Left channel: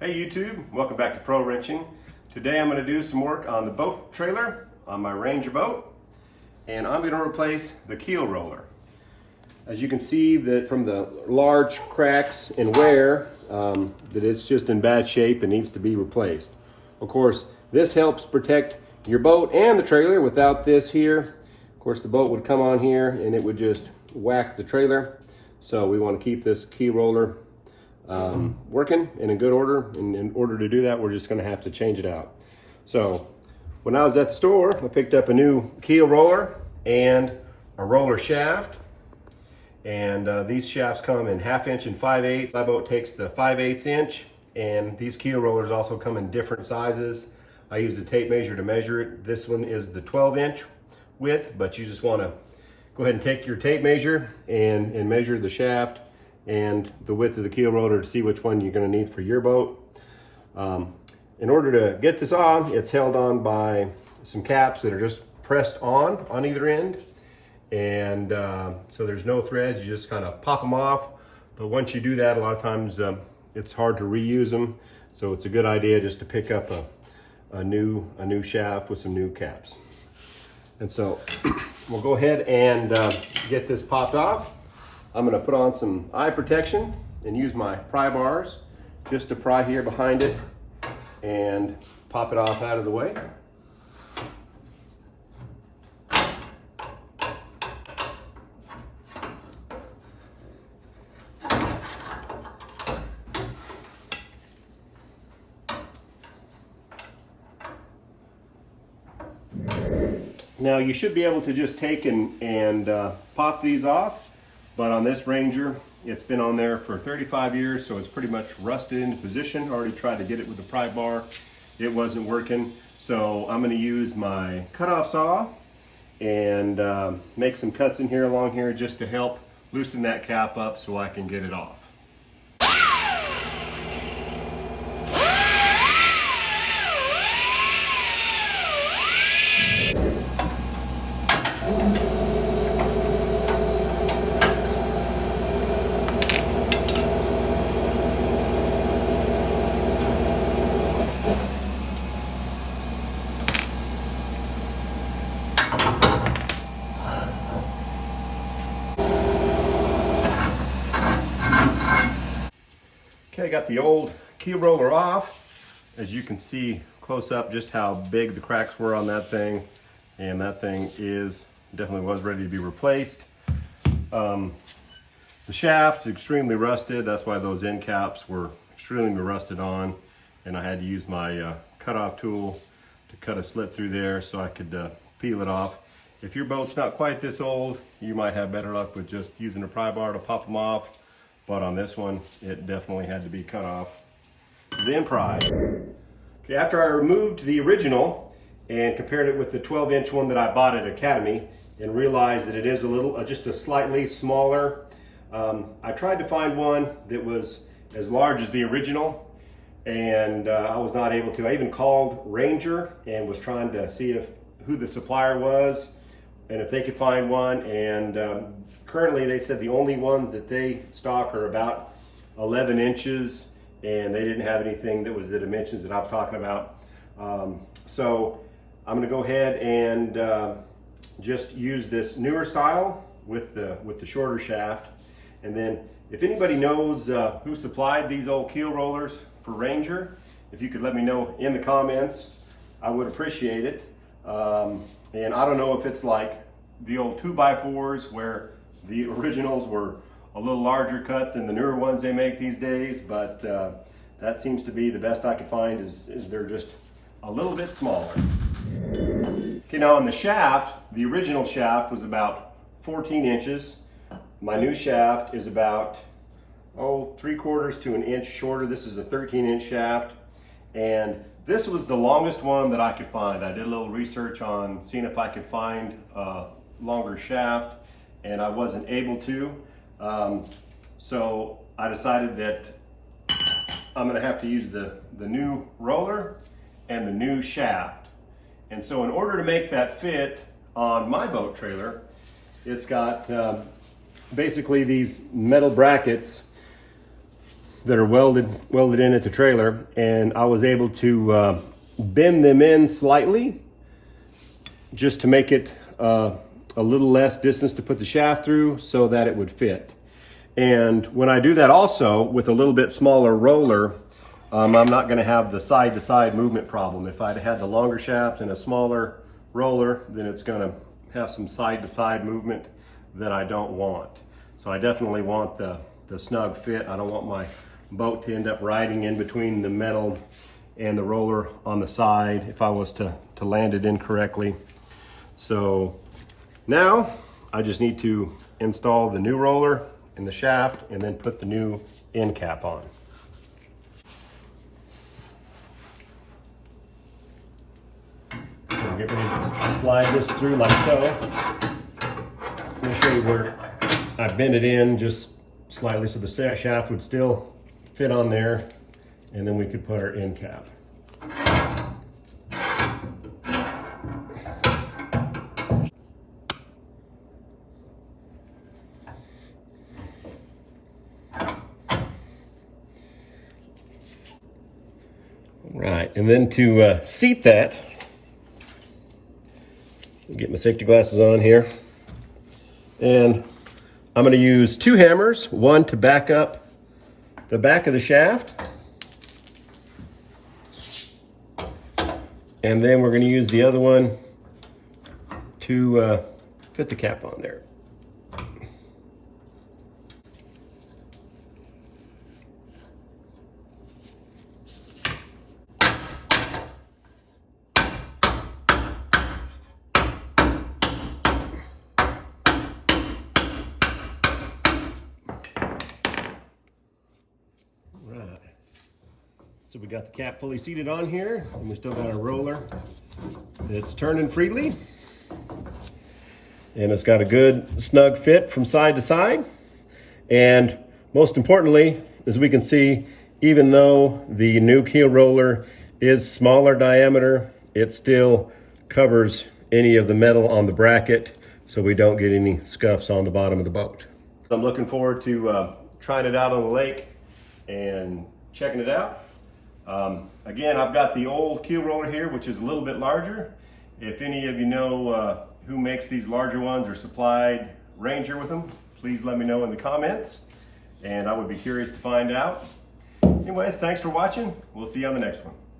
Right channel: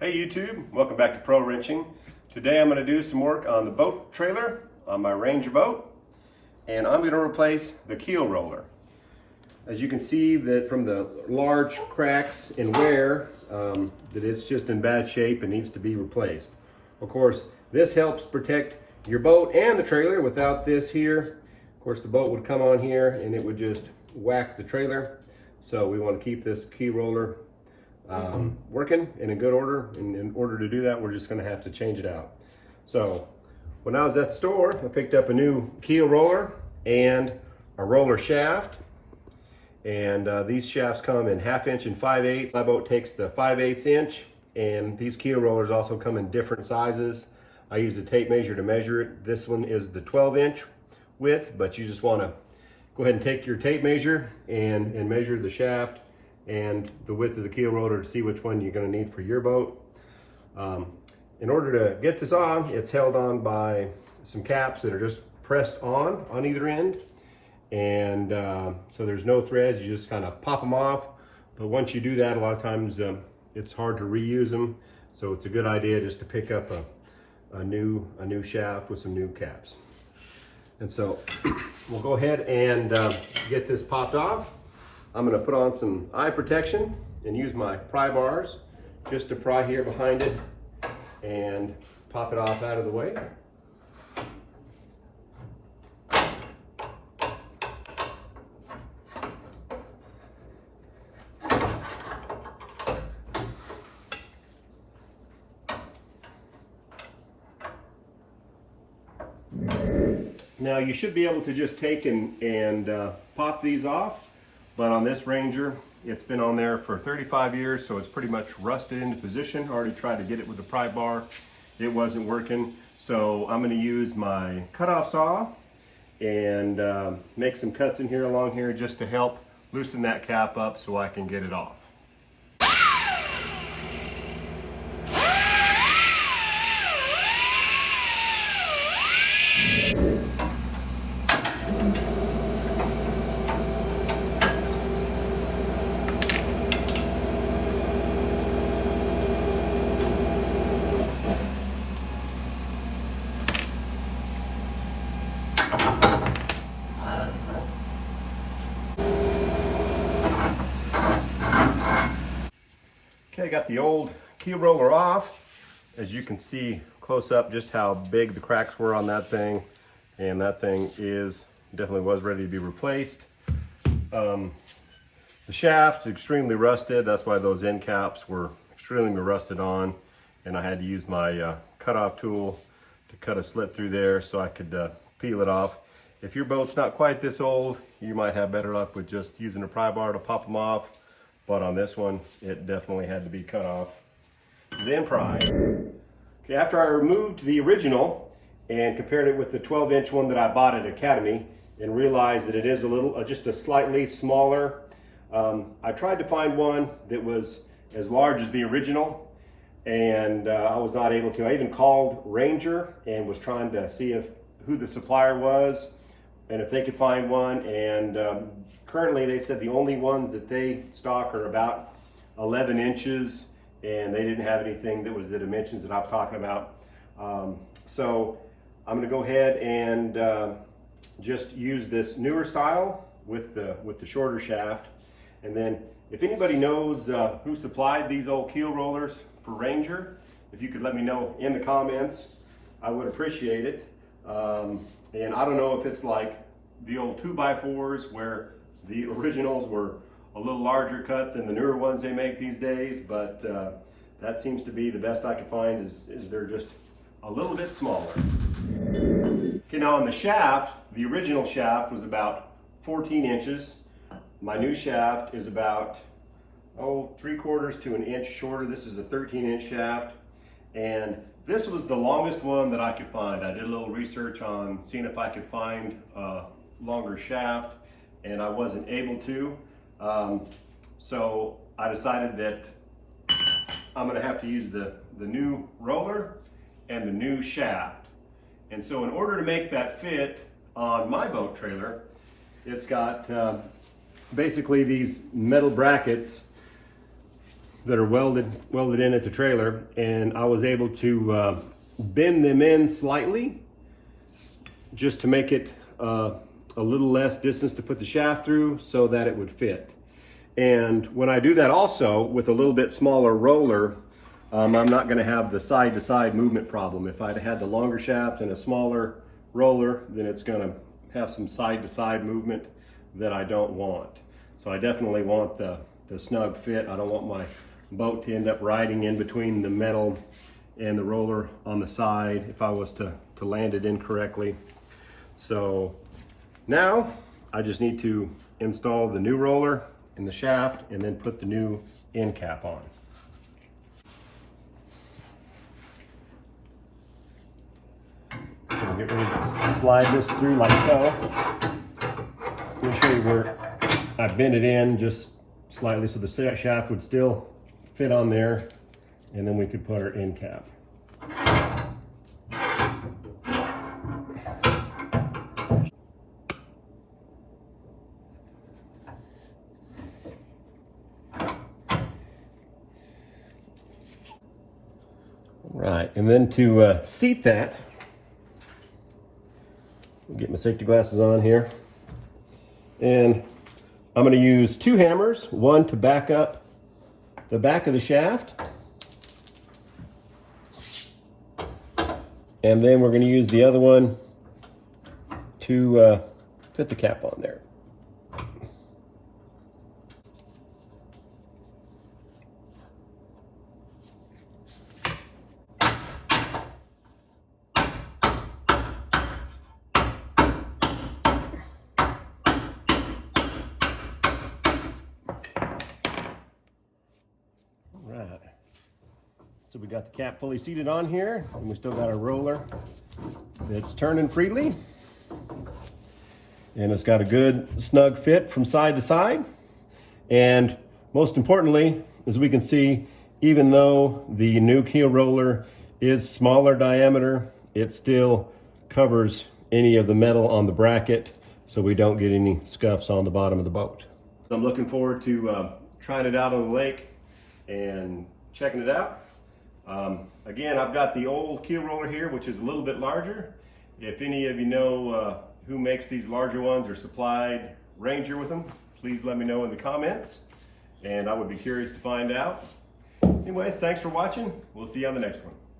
Hey YouTube, welcome back to Pro Wrenching. Today I'm going to do some work on the boat trailer on my Ranger boat, and I'm going to replace the keel roller. As you can see that from the large cracks and wear, that it's just in bad shape and needs to be replaced. Of course, this helps protect your boat and the trailer. Without this here, of course the boat would come on here and it would just whack the trailer. So we want to keep this keel roller working and in good order, and in order to do that we're just going to have to change it out. So when I was at the store, I picked up a new keel roller and a roller shaft, and these shafts come in 1/2 inch and 5/8. My boat takes the 5/8 inch, and these keel rollers also come in different sizes. I used a tape measure to measure it. This one is the 12-inch width, but you just want to go ahead and take your tape measure and measure the shaft and the width of the keel roller to see which one you're going to need for your boat. In order to get this on, it's held on by some caps that are just pressed on either end, and so there's no threads. You just kind of pop them off, but once you do that, a lot of times it's hard to reuse them, so it's a good idea just to pick up a new shaft with some new caps. And so we'll go ahead and get this popped off. I'm going to put on some eye protection and use my pry bars just to pry here behind it and pop it off out of the way. Now you should be able to just take and pop these off. But on this Ranger, it's been on there for 35 years, so it's pretty much rusted into position. Already tried to get it with the pry bar. It wasn't working. So I'm going to use my cutoff saw and make some cuts in here along here just to help loosen that cap up so I can get it off. Okay, got the old keel roller off. As you can see close up just how big the cracks were on that thing, and that thing definitely was ready to be replaced. The shaft is extremely rusted. That's why those end caps were extremely rusted on, and I had to use my cutoff tool to cut a slit through there so I could peel it off. If your boat's not quite this old, you might have better luck with just using a pry bar to pop them off. But on this one, it definitely had to be cut off, then pried. Okay, after I removed the original and compared it with the 12-inch one that I bought at Academy and realized that it is just a slightly smaller, I tried to find one that was as large as the original, and I was not able to. I even called Ranger and was trying to see who the supplier was and if they could find one, and currently they said the only ones that they stock are about 11 inches, and they didn't have anything that was the dimensions that I was talking about. So I'm going to go ahead and just use this newer style with the shorter shaft. And then if anybody knows who supplied these old keel rollers for Ranger, if you could let me know in the comments, I would appreciate it. And I don't know if it's like the old 2x4s where the originals were a little larger cut than the newer ones they make these days, but that seems to be the best I could find is they're just a little bit smaller. Okay, now on the shaft, the original shaft was about 14 inches. My new shaft is about 3/4 to an inch shorter. This is a 13-inch shaft, and this was the longest one that I could find. I did a little research on seeing if I could find a longer shaft, and I wasn't able to. So I decided that I'm gonna have to use the new roller and the new shaft. And so in order to make that fit on my boat trailer, it's got basically these metal brackets that are welded in at the trailer, and I was able to bend them in slightly just to make it a little less distance to put the shaft through so that it would fit. And when I do that also with a little bit smaller roller, I'm not going to have the side-to-side movement problem. If I'd had the longer shaft and a smaller roller, then it's going to have some side-to-side movement that I don't want. So I definitely want the snug fit. I don't want my boat to end up riding in between the metal and the roller on the side if I was to land it incorrectly. So now I just need to install the new roller in the shaft and then put the new end cap on. So get ready to slide this through like so. Let me show you where I bent it in just slightly so the shaft would still fit on there, and then we could put our end cap. Right, and then to seat that, I'll get my safety glasses on here, and I'm going to use 2 hammers, one to back up the back of the shaft, and then we're going to use the other one to fit the cap on there. Right. So we got the cap fully seated on here, and we still got our roller that's turning freely. And it's got a good snug fit from side to side. And most importantly, as we can see, even though the new keel roller is smaller diameter, it still covers any of the metal on the bracket so we don't get any scuffs on the bottom of the boat. I'm looking forward to trying it out on the lake and checking it out. Again, I've got the old keel roller here, which is a little bit larger. If any of you know who makes these larger ones or supplied Ranger with them, please let me know in the comments, and I would be curious to find out. Anyways, thanks for watching. We'll see you on the next one.